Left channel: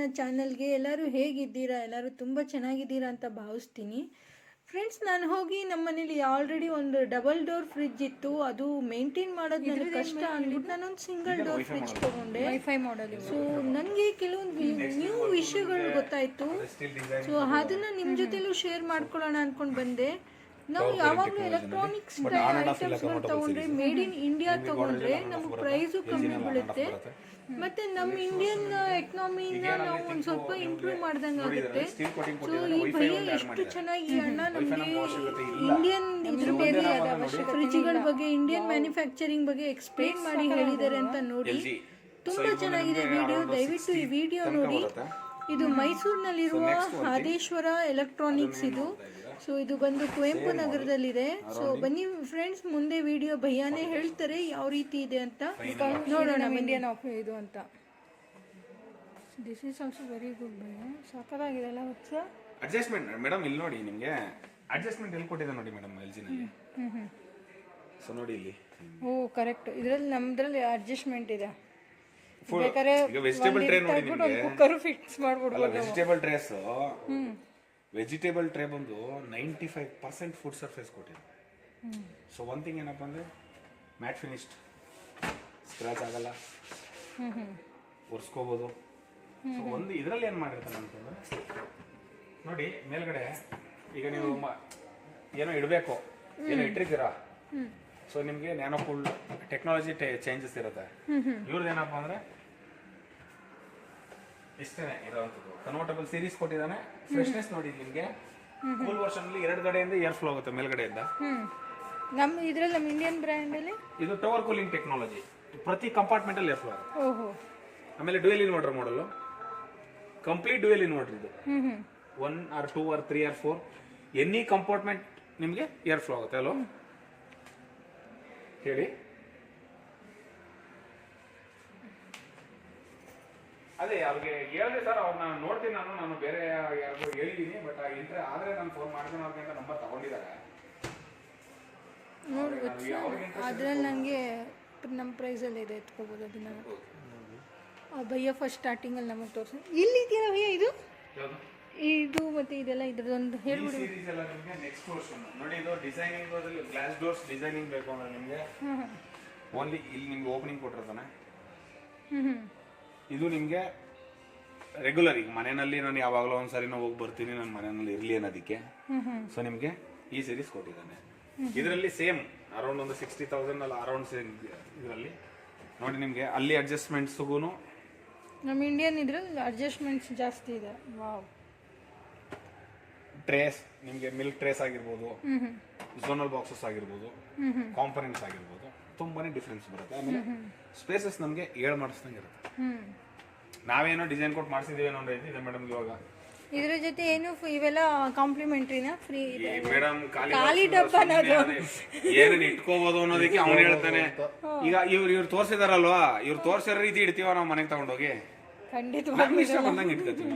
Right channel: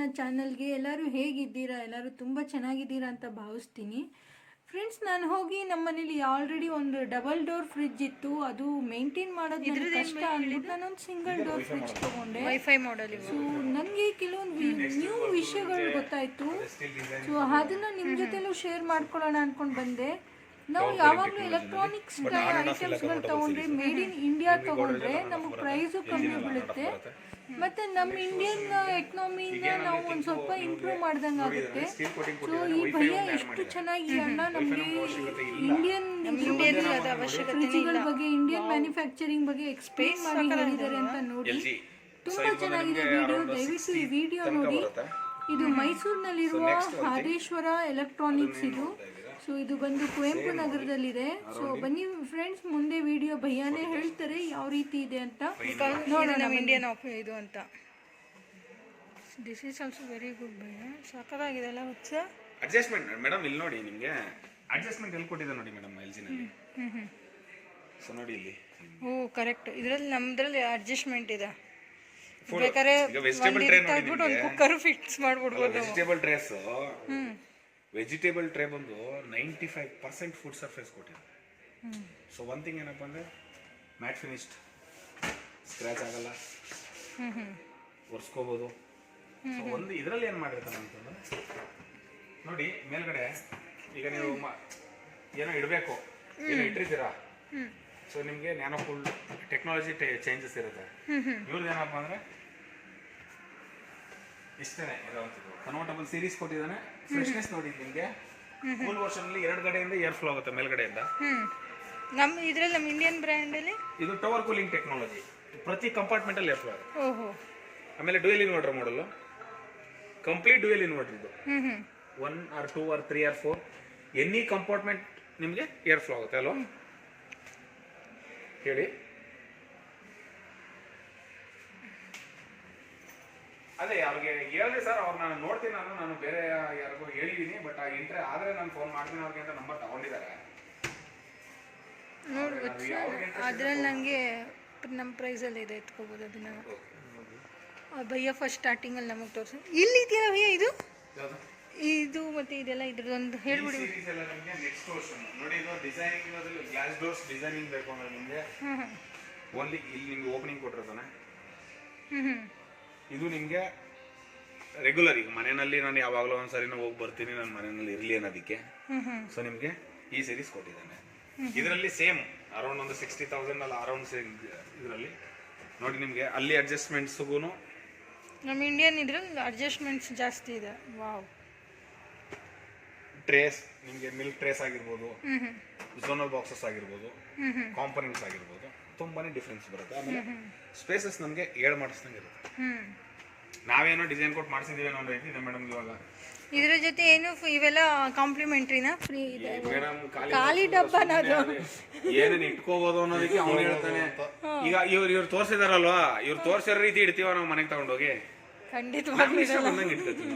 ನನ್ನ ಚಾನಲ್ಗೆ. ಎಲ್ಲರೂ ಹೇಗಿದ್ದೀರಾ? ಎಲ್ಲರೂ ತುಂಬ ಚೆನ್ನಾಗಿದ್ದೀರಾ ಅಂತ ಭಾವಿಸ್ತೀನಿ. ಫ್ರೆಂಡ್ಸ್, ನಾನು ಹೋಗಿ ನಮ್ಮ ಮನೇಲಿ ಆಲ್ರೆಡಿ ಒಂದು ಡಬಲ್ ಡೋರ್ ಫ್ರಿಡ್ಜ್ ಇತ್ತು. ಅದು ಮೇಂಟೈನ್ ಮಾಡೋದು ನನಗೆ ಕಷ್ಟ ಅಂದ್ಬಿಟ್ಟು ನಾನೊಂದು ಸಿಂಗಲ್ ಡೋರ್ ಫ್ರಿಡ್ಜ್ ತೊಗೊಂಡೆ. ವೈಫೈ ಮಾಡಲ್. ಸೊ ನನಗೆ ಕೆಲವೊಂದು ನ್ಯೂ ವಿಷಯಗಳು ಗೊತ್ತಾಯಿತು. ಸೊ ಅದನ್ನು ನಿಮ್ಮ ಜೊತೆಲೂ ಶೇರ್ ಮಾಡ್ಕೊಳ್ಳೋಣ ಅಂದ್ಕೊಂಡು ಬಂದೆ. ನಾವು ಯಾವಾಗಲೂ ಎಲೆಕ್ಟ್ರಾನಿಕ್ಸ್ ಐಟಮ್ಸ್ಗಳು ತೊಗೊಂಡ್ರೆ ಮೇಡ್ ಇನ್ ಇಂಡಿಯಾ ತೊಗೊಂಡ್ರೆ ನಮಗೆ ಪ್ರೈಸು ಕಮ್ಮಿ ಬೀಳುತ್ತೆ, ಮತ್ತು ನಮ್ಮ ಇಂಡಿಯನ್ ಎಕನಾಮಿನ ನಾವು ಒಂದು ಸ್ವಲ್ಪ ಇಂಪ್ರೂವ್ ಮಾಡ್ದಂಗೆ ಆಗುತ್ತೆ. ಸೊ ಈ ಭಯ್ಯ ಎಷ್ಟು ಚೆನ್ನಾಗಿ ಅಣ್ಣ ನಮಗೆ ಇಂಡಿಯನ್ ಫ್ರಿಜ್ಗಳ ಬಗ್ಗೆ, ಇಂಡಿಯನ್ ಮ್ಯಾನುಫ್ಯಾಕ್ಚರಿಂಗ್ ಬಗ್ಗೆ ಎಕ್ಸ್ಪ್ಲೇನ್ ಮಾಡಿ ಹೇಳಿದ್ದಾರೆ ಅಂತ ನೋಡಿ ತುಂಬ ಚೆನ್ನಾಗಿದೆ ವಿಡಿಯೋ. ದಯವಿಟ್ಟು ಈ ವಿಡಿಯೋ ನೋಡಿ. ಇದು ಮೈಸೂರಿನಲ್ಲಿರುವ ಆದೇಶ್ವರ ಎಲೆಕ್ಟ್ರಾನಿಕ್ಸ್ ಇದು. ಸೊ ಇದು ಬಂದು ಕುವೆಂಪು ನಗರದಲ್ಲಿದೆ. ಸೊ ಬನ್ನಿ ಫ್ರೆಂಡ್ಸ್, ಮುಂದೆ ವಿಡಿಯೋ ಭಯ್ಯಾನೇ ಹೇಳ್ತಾರೆ ಯಾವ ರೀತಿ ಇದೆ ಅಂತ ನೋಡೋಣ. ಇಂಡಿಯನ್ ಇದು ಅಂತ. This is also very good bhaiya. ಸಾಕಾಗಿದೆ ಅಲ್ಲ ಹುಚ್ಚ. ಅಡ್ಜಸ್ಟ್ಮೆಂಟ್ ಮೇಡಮ್ ಇಲ್ಲಿ ನೋಡಿ, ನಿಮಗೆ ಅಡ್ಜಸ್ಟ್ಮೆಂಟ್ ಎಲ್ಲಿ ಕೊಟ್ಟಿದೆ ನೋಡಿ ಮೇಡಮ್ ಎಲ್ ಜಿ ನಲ್ಲಿ. ಸೊ ನೋಡಿ ಇಲ್ಲಿ. Oh correct. ಇದರಲ್ಲಿ ನಮ್ದ್ರಲ್ಲಿ ಅಡ್ಜಸ್ಟ್ಮೆಂಟ್ ಇದೆ. ಬೇಕಾದ್ರೆ ಒಂದು ಕುಕ್ಕರ್ ಫಿಕ್ಸ್ ಮಾಡ್ಬಿಡ್ಬೋದು. ವೆಜಿಟೇಬಲ್ ಟ್ರೇಸ್, ವೆಜಿಟೇಬಲ್ ಟ್ರೇ ಬಂದು 95% ಫುಡ್ ಸರ್ಫೇಸ್ ಕೊಟ್ಟಿದೆ. ಸೊ ಒನ್ ಥಿಂಗ್ ಏನಪ್ಪ ಅಂದರೆ ಮ್ಯಾಟ್ ಫಿನಿಶ್ಡ್, ಸ್ಕ್ರಾಚ್ ಆಗಲ್ಲ, ಒರೆಸ್ಕೋಬೋದು. ಸೊ ಒಂದು ಇದರಲ್ಲಿ ಏನು ಮಾಡಿರ್ತಾನೆ ಅಂತಂದ್ರೆ ನೋಡಿ, ಮೇಲ್ಗಡೆ ಈಗ ನೀವು ಏನೋ ಇಡಬೇಕು, ಏನೋ ಇಟ್ಟಿರ್ತೀರಾ, ಸೊ ನಿಮಗೆ ನ್ಯಾನೋ ಕೂಲ್ ಟೆಕ್ನಾಲಜಿ ಚೇಂಜಸ್ ಇರುತ್ತೆ. ಇವ್ರದ್ದು ಏನಪ್ಪ ಅಂದರೆ ಇಷ್ಟೇ ಇರೋವಂಥದ್ದು. ಕನ್ವರ್ಟಬಲ್ ಸೀರೀಸ್ ಕೊಟ್ಟಿದ್ದಾನೆ. ಫ್ರೆಶ್ನೆಸ್ ನೋಡಿ ನಿಮಗೆ. ಕೂಲ್ ವರ್ಷನ್ ಅಲ್ಲಿ 2 ಕಡೆಯಿಂದ ಏರ್ ಫ್ಲೋ ಆಗುತ್ತೆ ಮೇಲ್ಗಡೆಯಿಂದ. ನಮ್ಮ ಇದರಲ್ಲಿ ನಮ್ಮ ಇಂಡಿಯನ್ ಬ್ರ್ಯಾಂಡ್ ಅಲ್ಲಿ ಇದು ಟವರ್ ಕೂಲಿಂಗ್ ಟೆಕ್ನಾಲಜಿ. ಪ್ರತಿ ಕಂಪಾರ್ಟ್ಮೆಂಟ್ ಅಲ್ಲಿ ಏರ್ ಫ್ಲೋ ಆಗುತ್ತೆ. ಓಹೋ. ಆಮೇಲೆ ಡ್ಯುಯಲ್ ಇನ್ವರ್ಟರ್ ಮಾಡಲ್, ಕಂಪ್ಲೀಟ್ ಡ್ಯುಯಲ್ ಇನ್ವರ್ಟರ್ ಇದು. 1 or 2 or 3 or 4 any compartment ನಿಮಗೆ ಏರ್ ಫ್ಲೋ ಆಗುತ್ತೆ. ಅಲ್ಲೋ ಹೇಳಿ. ಅದೇ ಅವ್ರಿಗೆ ಹೇಳಿದೆ ಸರ್, ಅವ್ರನ್ನ ನೋಡ್ತೀನಿ ನಾನು ಬೇರೆ ಯಾರಿಗೂ ಹೇಳಿದ್ದೀನಿ, ಬಟ್ ಆದರೆ ನಾನು ಫೋನ್ ಮಾಡ್ತೀನಿ ಅವ್ರಿಗೆ ಅಂತ ನಂಬರ್ ತಗೊಂಡಿದ್ದಾರೆ. ಅದ್ರಲ್ಲಿ ನನಗೆ ನಮ್ಮ ಪ್ರೈಸಲ್ಲಿ ಇದೆ, ಎತ್ಕೋಬೋದು ಅದನ್ನ. ಭಯ್ಯ ಫಸ್ಟ್ ಸ್ಟಾರ್ಟಿಂಗಲ್ಲಿ ನಮಗೆ ತೋರಿಸಿ. ಇಲ್ಲಿ ಇದೆಯಲ್ಲ ಭಯ್ಯ ಇದು, ಇದು ಮತ್ತೆ ಇದೆಲ್ಲ ಇದ್ರದ್ದೊಂದು ಹೇಳ್ಬಿಡಿ. ನೆಕ್ಸ್ಟ್ ವರ್ಷನ್ ನೋಡಿ, ಇದು ಡಿಸೈನಿಂಗ್ ಗ್ಲಾಸ್ ಡೋರ್ಸ್ ಡಿಸೈನಿಂಗ್ ಬೇಕು ಅಂದ್ರೆ ನಿಮಗೆ ಓನ್ಲಿ ಇಲ್ಲಿ ನಿಮ್ಗೆ ಓಪನಿಂಗ್ ಕೊಟ್ಟಿರ್ತಾನೆ. ಇದು ನಿಮಗೆ ರೆಗ್ಯುಲರ್, ಈಗ ಮನೆಯಲ್ಲಿ ನಾನು ಯಾವಾಗಲೂ ಒಂದ್ಸರಿ ಹೋಗಿ ಬರ್ತೀನಿ, ನನ್ನ ಮನೆಯಲ್ಲಿ ಇರಲಿ ಅನ್ನೋದಕ್ಕೆ. ಸೊ ನಿಮಗೆ ಈ ಸೀರೀಸ್ ಕೊಟ್ಟಿದ್ದಾನೆ. ಇದರಲ್ಲಿ ಸೇಮ್ ಅರೌಂಡ್ ಒಂದು 60,000 ಅಲ್ಲ, ಅರೌಂಡ್ ಸೇಮ್ ಇದರಲ್ಲಿ ನೋಡಿ ನಿಮಗೆ. ಅಲ್ಲಿ ಅಡ್ಜಸ್ಟ್ಮೆಂಟ್ಸ್ಗೂ ನಮ್ಮ ಇಂಡಿಯನ್ ಇದ್ರಲ್ಲಿ ಅಡ್ಜಸ್ಟ್ಮೆಂಟ್ಸ್ ಜಾಸ್ತಿ ಇದೆ. ವಾವ್. ಟ್ರೇಸ್ ನಿಮಗೆ ಮಿಲ್ಕ್ ಟ್ರೇಸ್ ಆಗಿರ್ಬೋದು, ಝೋನಲ್ ಬಾಕ್ಸಸ್ ಆಗಿರ್ಬೋದು, ಕಾಂಪೊನೆಂಟ್ಸ್ ಆಗಿರ್ಬೋದು, ತುಂಬಾನೇ ಡಿಫ್ರೆನ್ಸ್ ಬರುತ್ತೆ. ಆಮೇಲೆ ಸ್ಪೇಸಸ್ ನಮಗೆ 7 ಮಾಡಿಸ್ದಂಗೆ ಇರುತ್ತೆ. ನಾವೇನೋ ಡಿಸೈನ್ ಕೊಟ್ಟು ಮಾಡಿಸಿದ್ದೀವಿ ಅನ್ನೋ ಇದೆ ಮೇಡಮ್. ಇವಾಗ ಇದ್ರ ಜೊತೆ ಏನು ಇವೆಲ್ಲ ಕಾಂಪ್ಲಿಮೆಂಟ್ರಿನಾ, ಫ್ರೀ ಇದೆ ಮೇಡಮ್. ಖಾಲಿ ಡಬ್ಬನದು ಏನೇನು ಇಟ್ಕೋಬಹುದು ಅನ್ನೋದಕ್ಕೆ ಅವ್ನು ಹೇಳ್ತಾನೆ. ಈಗ ಇವ್ರು ತೋರಿಸಿದಾರಲ್ವಾ, ಇವ್ರು ತೋರಿಸಿರೋ ರೀತಿ ಇಡ್ತೀವ ನಾವು ಮನೆಗೆ ತಗೊಂಡೋಗಿ, ಖಂಡಿತವಾಗಿ ಬಂದಂಗೆ ಇಟ್ಕೋತೀವಿ.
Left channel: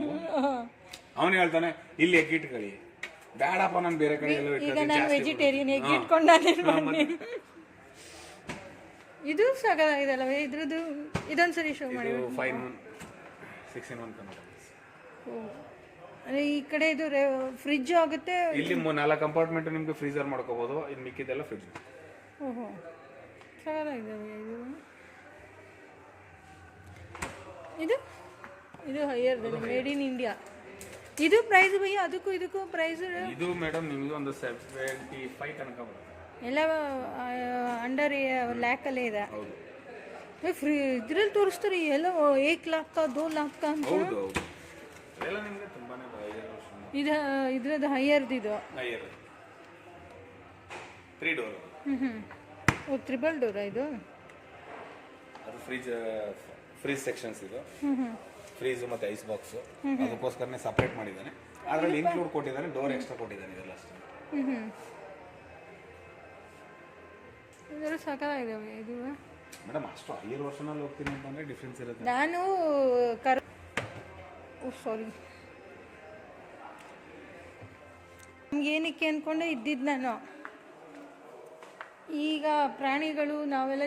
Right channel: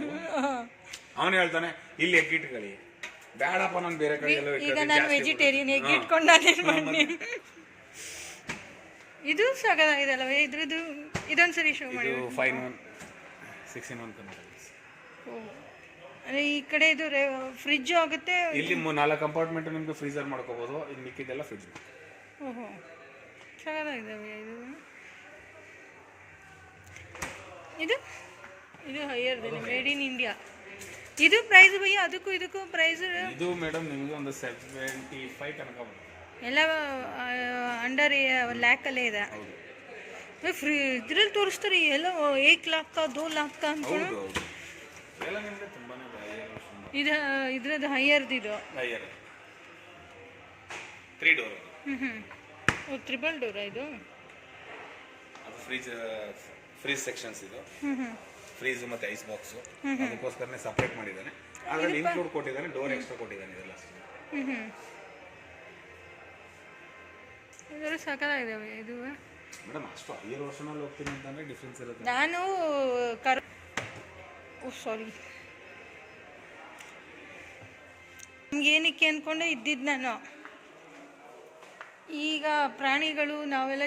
ಅವನು ಹೇಳ್ತಾನೆ ಇಲ್ಲಿ ಎಗ್ ಇಟ್ಕೊಳ್ಳಿ, ಬೇಡಪ್ಪ ನಾನು ಬೇರೆ ಕಡೆ. ಈಗ ನಾನು ವೆಜಿಟೇರಿಯನ್, ಎಗ್ ಇಟ್ಕೊಂಡು ಇದು ಸಾಕಾಗಿದೆಲ್ಲ ಇದ್ರದ್ದು. ಇದೊಂದ್ಸರಿ ಶೋ ಮಾಡಿ. 5-in-1 ಅಂದರೆ ಈ ಕಡೆ ಇದು ಫ್ರಿಜ್ ಆಗುತ್ತೆ. ಇಲ್ಲಿ 4 ಕಂಪಾರ್ಟ್ಮೆಂಟ್ ನಿಮಗೆ ಫ್ರೀಜರ್ ಮಾಡ್ಕೋಬಹುದು, ಇನ್ನು ಮಿಕ್ಕಿದೆಲ್ಲ ಫ್ರಿಜ್. ಓಹೋ, ಸಾಕಾಗಿದ್ದಾವೆ ಇದು. ಇದು ಇದು ಹೈಯರ್ ಮೇಡ್ ಇನ್ ಇಂಡಿಯಾ. ಇದು ಪ್ರೈಸ್ ಭಯ್ಯ, ಅದಕ್ಕೂ ಇದಕ್ಕೂ ಪ್ರೈಸ್. ಇದು ಮೇಡಮ್ ನಿಮಗೆ ಒಂದು 75 ತನಕ ಬರುತ್ತೆ. ಎಲ್ಲ ಅಂಡರ್ ಲ್ಯಾಕಲ್ಲೇ ಇದೆ. ಇದ್ರಲ್ಲಿ ತೋರಿಸ್ತಾರೆ ಎಲ್ಲ 1 लाख का 2 लाख का ಅಂತ. ಇದು ಇದ್ರದ್ದು ಹೈಯರ್ದು. ಇದು 3 ಡೋರ್. ಟ್ರಿಬಲ್ ಡೋರ್ ಇದು. ಅದು ಫ್ರೀಜ್ ಸೆಕ್ಷನ್ಸ್ ಇದು. ಫ್ರೀಜ್ ಮತ್ತೆ ಐಸ್ ಬಾಕ್ಸ್ ಅದಕ್ಕೋಸ್ಕರನೇ ಸಪರೇಟ್ ಮಾಡಿದ್ದಾನೆ. ಅದರಲ್ಲಿ ಇನ್ಕ್ಲೂಡ್ ಕೊಟ್ಟಿದ್ದಾನೆ, ಡೋರ್ ಎಕ್ಸ್ಟ್ರಾ ಕೊಟ್ಟಿದ್ದಾನೆ. ಇದೆಲ್ಲ ಇದೆಲ್ಲ ಸಾಕಾಗಿದ್ದಾವೆ ಇದು ಮೇಡಮ್. ಅಷ್ಟು 5 ವರ್ಷನಲ್ಲಿ ಹೋಗ್ತೀನಿ ಅಂತಂದ್ರೆ ಡಿಫ್ರೆನ್ಸ್ ಇರುತ್ತೆ. ನಾನು ಸಾರಿ, ನಮ್ಗೆ ಏನಕ್ಕೆ ಅಂದ್ಕೊಂಡೆ ಇದ್ದಿದ್ದು ನಾನು. ಈಗ ಪ್ರಾಣಿಗಳು ನಾವೆಲ್ಲ